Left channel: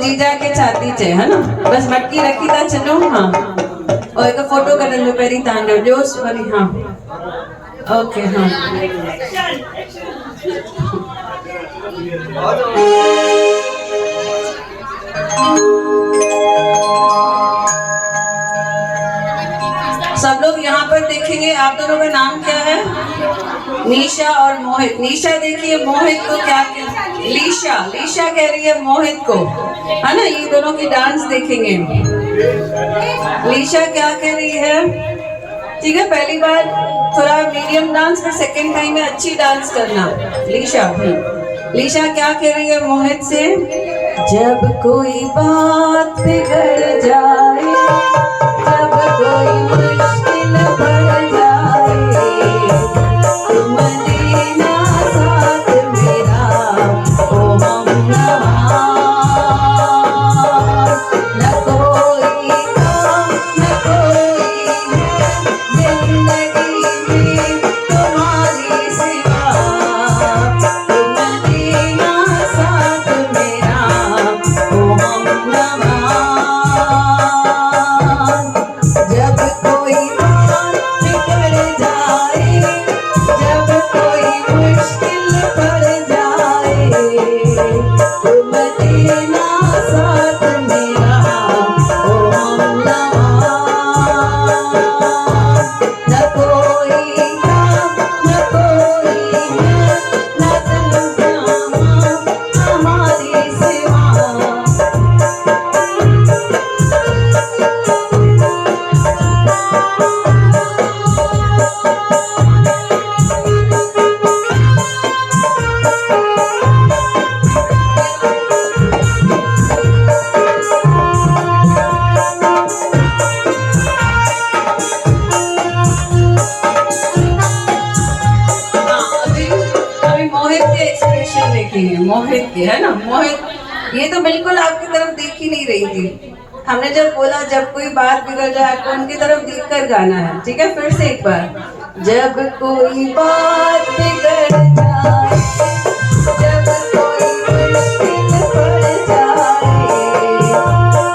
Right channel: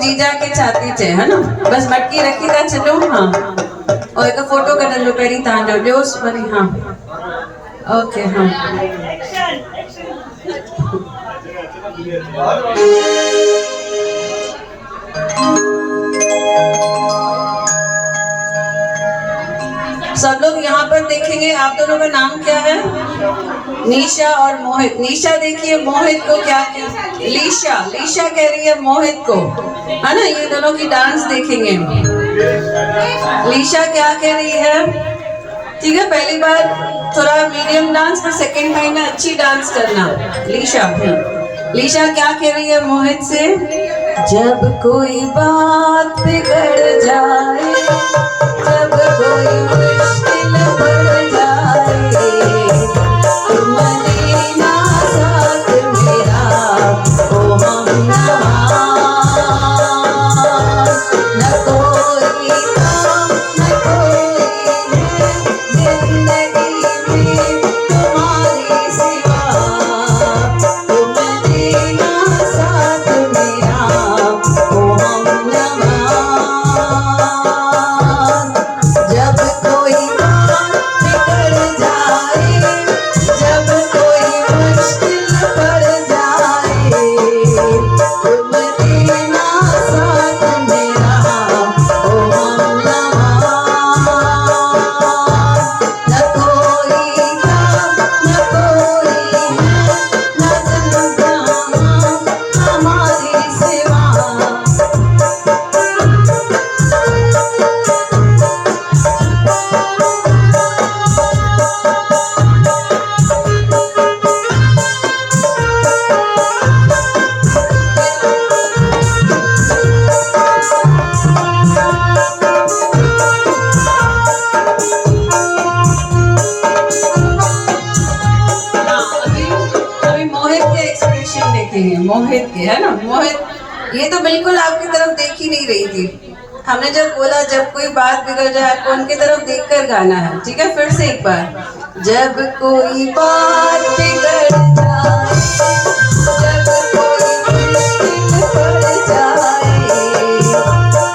जीजा के छाती चे है ना बस मटकी रखी था चलो हाँ और एक फोटो कर लो पेरी तांडव जोश भरी हाँ ओके हाँ सब लोग यहाँ पर देखेंगे। आप दोनों का नाम क्या है? निशा और मोहित। निशा देखिए मोहित को क्या लीशा लीशा कह रही है मोहित को है ना। ये दोनों की डांस देखेंगे। लीशा क्या कह रही है? ठीक है पहली बार थोड़ा मीडियम डांस फिर सेकेंड टाइम में अच्छी डांस करना। लीशा लीशा क्या कह रही है मोहित से? जब कोई बात बिगड़ जाए जब कोई मुश्किल बढ़ जाए मदीना साथ मेरा ओ हमनवा न कोई काम न कोई है जिंदगी में तुम्हारी सिवा मदीना साथ मेरा ओ हमनवा जब कोई बात बिगड़ जाए जब कोई मुश्किल पड़ जाए तो मदीना साथ मेरा ओ हमनवा न कोई काम न कोई है न जिंदगी हमारी सिवा। मोहित के एक्सप्रेशन देखेंगे। मोहित के है ना। मोहित ये तो बिल्कुल आपकी तरफ देख ही नहीं रही थी। हमने जब बोला जब कोई बात बिगड़ जाए आपको उनकी तरफ देखकर गाना है। ठीक है फिर से एक बार। जब कोई बात बिगड़ जाए जब कोई मुश्किल पड़ जाए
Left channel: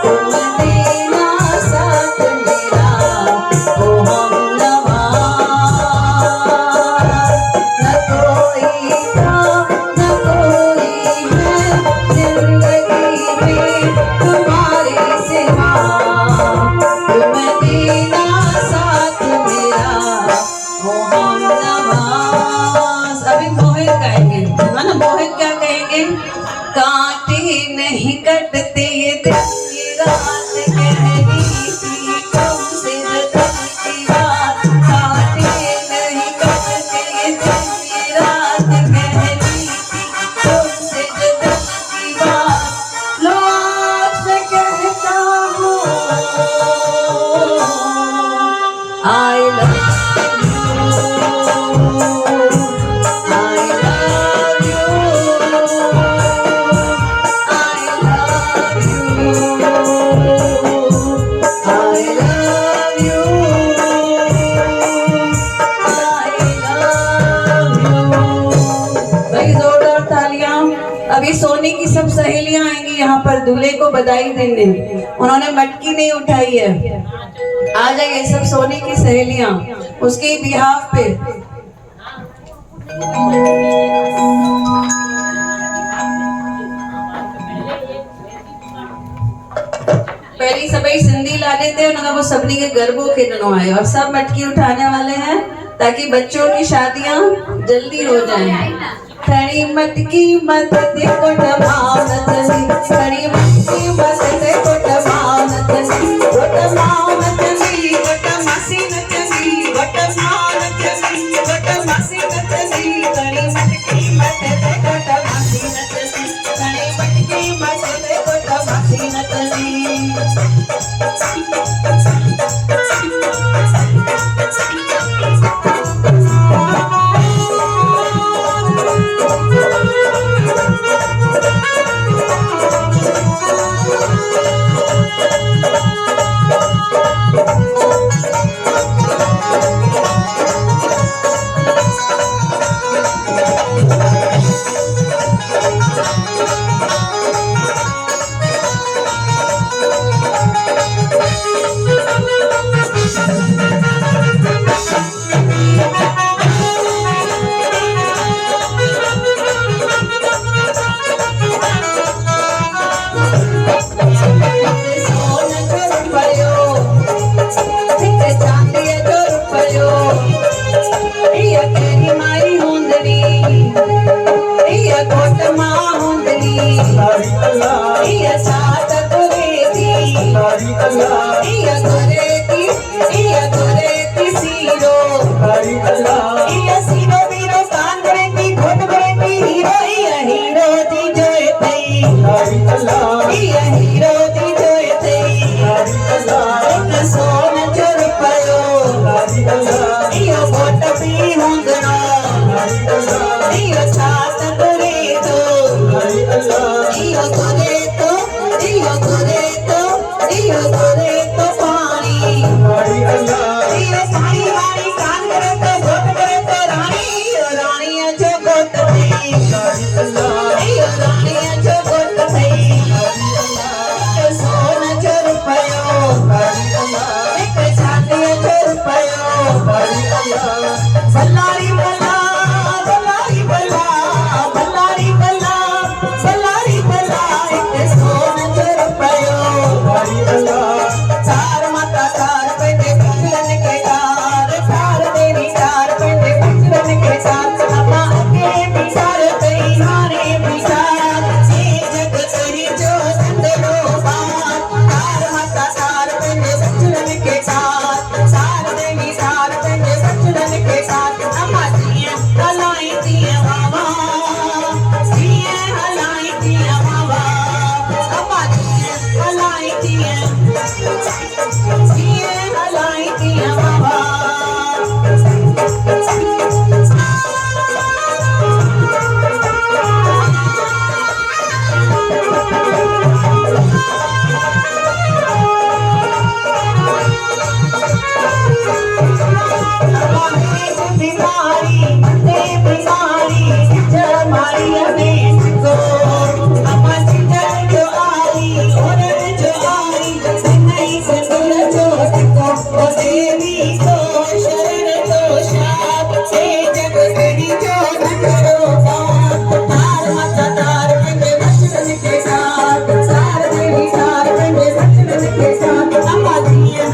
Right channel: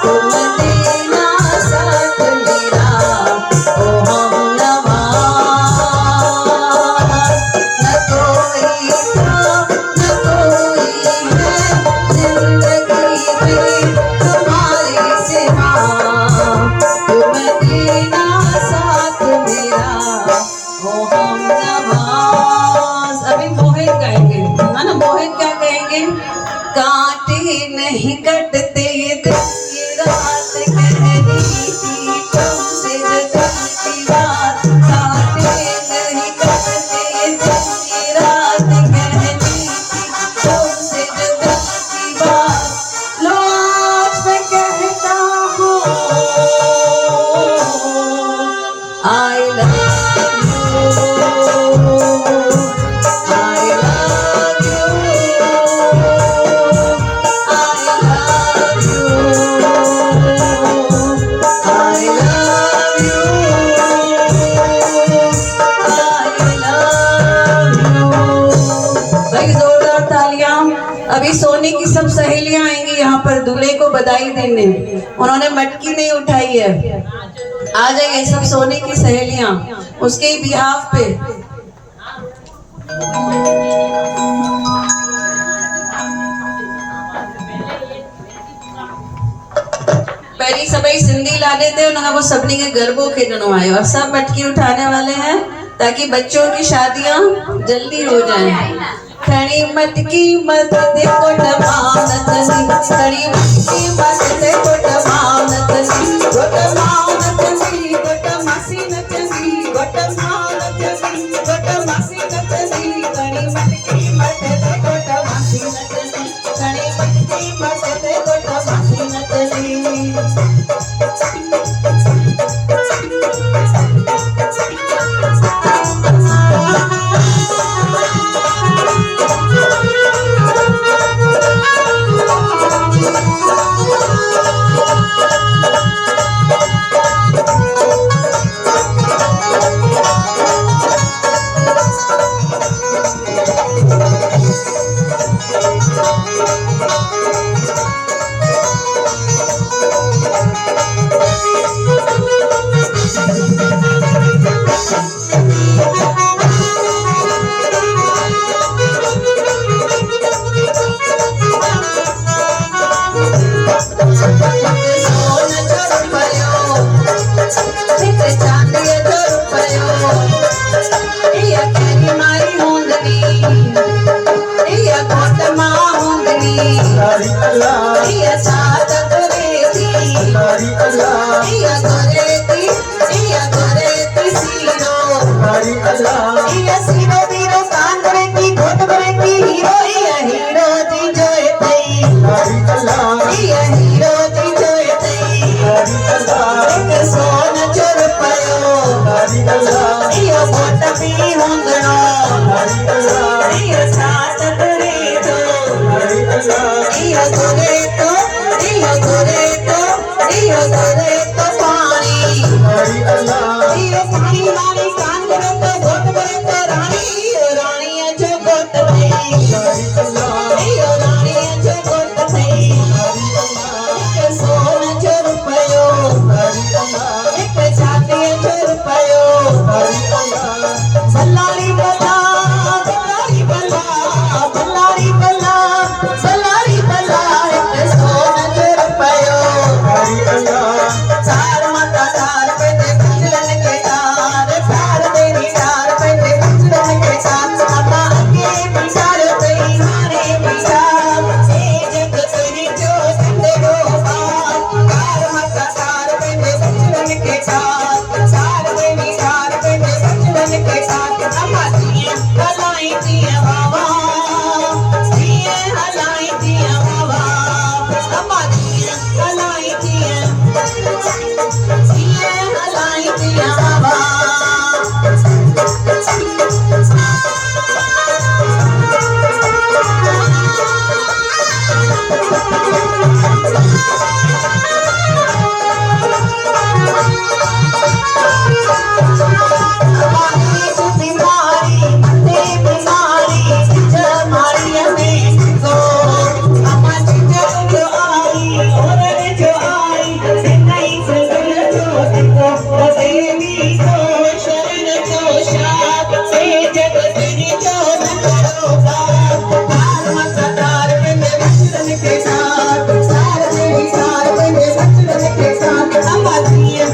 तो मदीना साथ मेरा ओ हमनवा न कोई काम न कोई है जिंदगी में तुम्हारी सिवा मदीना साथ मेरा ओ हमनवा। अभी मोहित गाएंगे है ना। मोहित क्या कहेंगे? कांटे नहीं कटते ये दिन की रात कहनी थी तुमसे दिल की बात कांटे नहीं कटते ये दिन की रात कहनी थी तुमसे दिल की बात लो आज मैं कहता हूँ I love अभी सोनी की सब सहेलियां आएंगी यहाँ पर दूल्हे को बधाई देने। उन्होंने मटकी नहीं उठाई है। आ जाइए सब सोनी की सहेलियां उसके बिहाफ पे। पहली सबई सिंधी लाडे थे उन्होंने वो सबनी के गरबो खेलनो आयो और सब मटकी उठाने वाले हैं ताकि बच्चों की शादियां जल्दी हो जाएं। खड़ी मटकी मत देखो टमाओ नचनी खड़ी मटकी मत देखो टमाओ नचनी टमाओ नचनी मासी नचनी टमाओ नचनी मासी नचनी खड़ी मटकी मत देखो टमासी नचनी खड़ी मटकी मत देखो टमासी नचनी। हरी अल्लाह ये सीरो बीरो कान करेंगी घोट करेंगी हीरो जी जोए तई हरी अल्लाह ये हीरो जी जोए तई हरी अल्लाह एक सोन चुर पयो हरी अल्लाह यो घोट भी होंदड़ो हरी अल्लाह यो साथ तुरे तो हरी अल्लाह यो तुरे तो पानी हरी अल्लाह यो पानी वाली कान करे तो घोट करे तो रानी जो घोट थई हरी अल्लाह यो रानी जो घोट थई हरी अल्लाह एक सोन जो रुपयो हरी अल्लाह एक छाती जो रुपयो हरी अल्लाह सल्लारी बला बल्लारी बला बल्लारी बला सल्लारी बला एक सोन जो रुपयो हरी अल्लाह चार माता चार पेटे बचलन के तार चार देवी चार पेटे बचलन के तार माता आगे बिचार तेरी हारे बिचार हे जग तेरी जो संदेरो बात चार माता चार पेटे बचलन के तार चार देवी चार पेटे बचलन के तार अम्मा दिए हलाई दिए बाबा दिए हलाई दिए बाबा अम्मा दिए हलाई दिए दिए हलाई दिए बाबा बिमारी मते बिमारी सिर मारी में सो अम्मा जिंदर जो आई और जो आई नहीं सगल जो को देवी को शरण को शाप से जग तेरी जो नरो बात तार माता तार बंदे बचलन के साथ सार देवी सार बंदे बचलन के साथ अम्मा दिए